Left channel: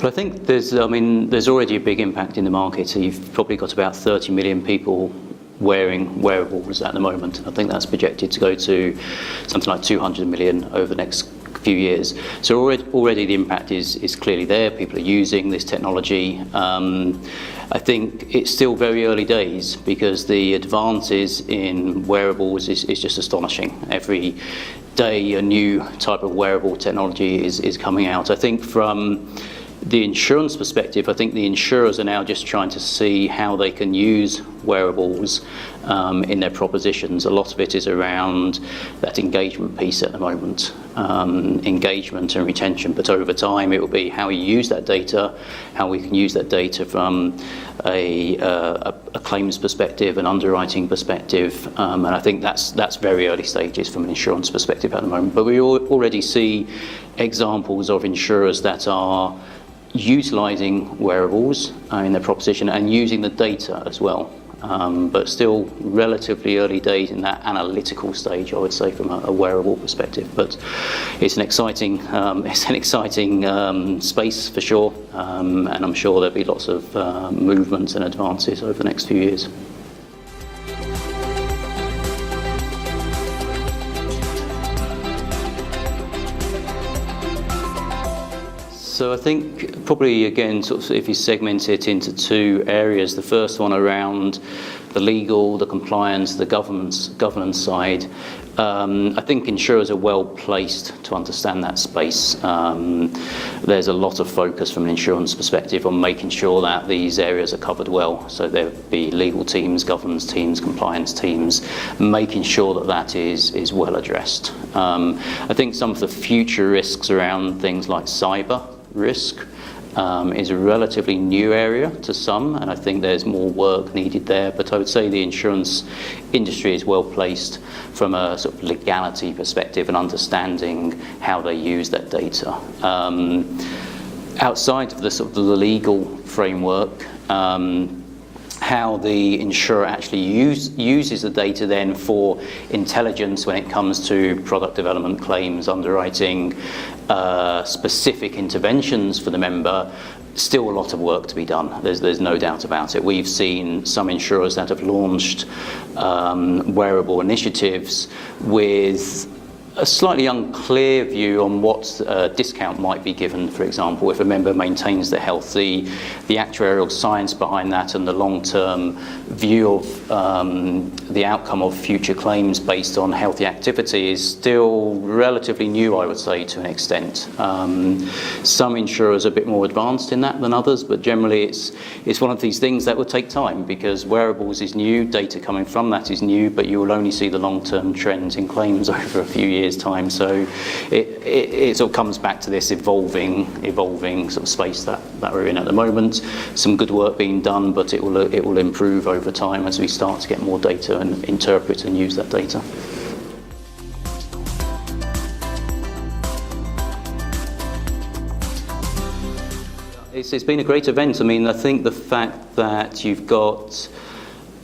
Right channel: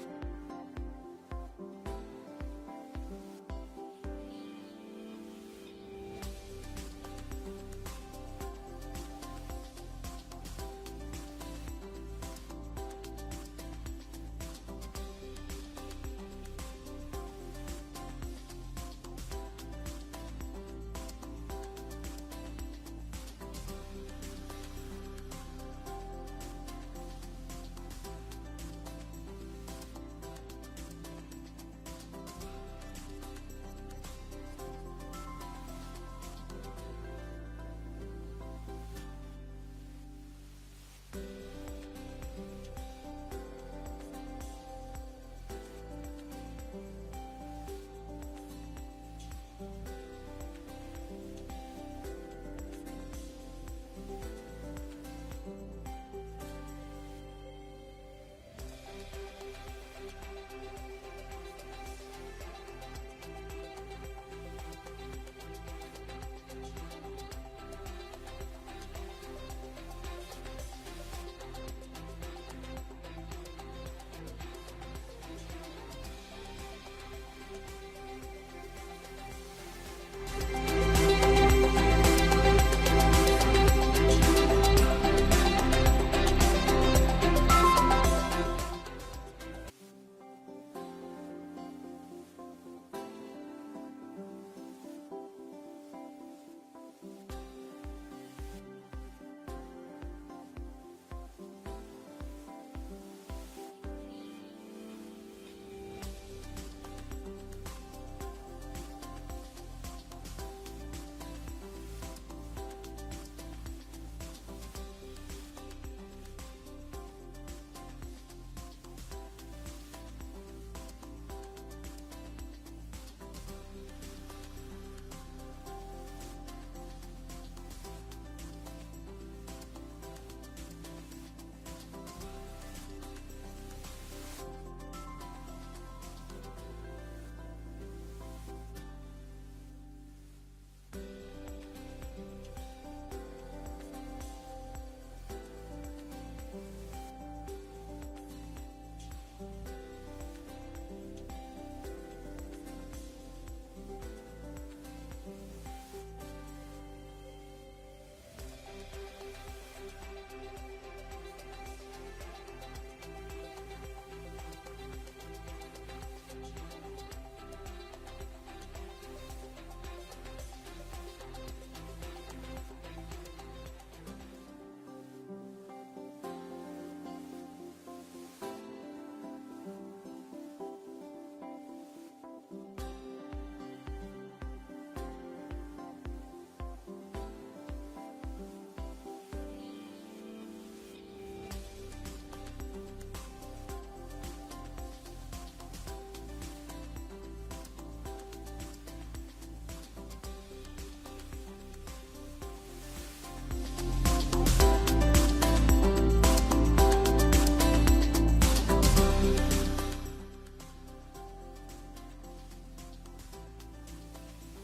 But I think there's already a big impact in the market. So you've probably got about 30 million people wearing wearables at the moment. I think that's projected to go to something like 200 million over the next few years. So already the impact is clearly there. People are using this technology. I think it's still very early days because the advances in wearables is just astonishing. Every day a new type of wearable technology is coming out. I think from the insurance perspective, I think the insurers are now just trying to see how they can use wearables in their propositions. A lot of it is around that engagement piece at the moment, engagement and retention, but over time it will be how we use that data, how we can use that data from a claims perspective, an underwriting perspective, and I think that's very early stages from an insurance perspective at the moment. But we already see examples of insurers that are utilising wearables in their proposition and using the data as well. But still relatively early days in that analytical stage, I would say, from a wearable perspective. But it's an exciting space for sure, and I'm sure there'll be lots of movements and advances over the next few years. So I think probably again, sort of if you segment it into two areas, the first one around the legal, the compliance, the governance side. I think insurers are well placed to understand that space. There's a lot of focus from an insurance perspective on making sure that these areas are covered well. So there'll be legal teams, governance teams, compliance teams, making sure that that is well addressed. I think some of the future risks around things like cyber risk is a relatively new area to some, and I think there's more work needed there. But I would say the insurance industry is well placed from a sort of legality perspective and understanding how they use that data. Outside of the sort of the legal framework, how the insurer actually uses the data then for intelligence when it comes to product development, claims, underwriting, specific interventions for the member, still a lot of work to be done. There's no doubt about it. We've seen some insurers that have launched wearable initiatives with a slightly unclear view on what discount might be given, for example, if a member maintains their health. The actuarial science behind that and the long-term view of the outcome of future claims based on healthy activity is still relatively new, I would say, to an extent. Some insurers are a bit more advanced in that than others, but generally it's one of these things that will take time because wearables is new, data coming from that is new, but you will only see the long-term trends in claims over a few years' time. So it sort of comes back to this evolving sort of space that we're in at the moment. Some good work being done, but it will improve over time as we start to get more data and interpret and use that data. It's been a great event. I mean, I think the fact that you've got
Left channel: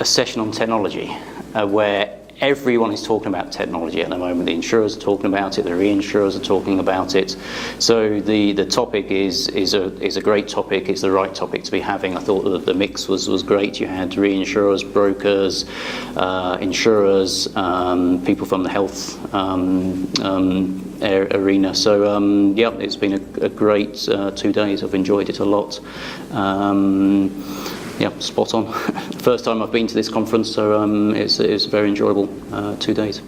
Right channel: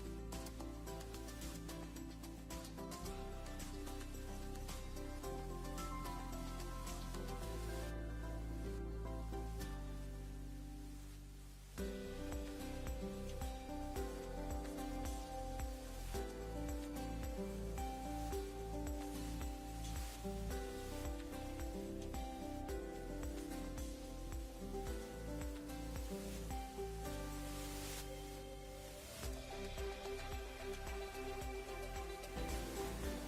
a session on technology where everyone is talking about technology at the moment. The insurers are talking about it, the reinsurers are talking about it. So the topic is a great topic. It's the right topic to be having. I thought that the mix was great. You had reinsurers, brokers, insurers, people from the health arena. So yeah, it's been a great 2 days. I've enjoyed it a lot. Yeah, spot on. First time I've been to this conference, so it's a very enjoyable 2 days.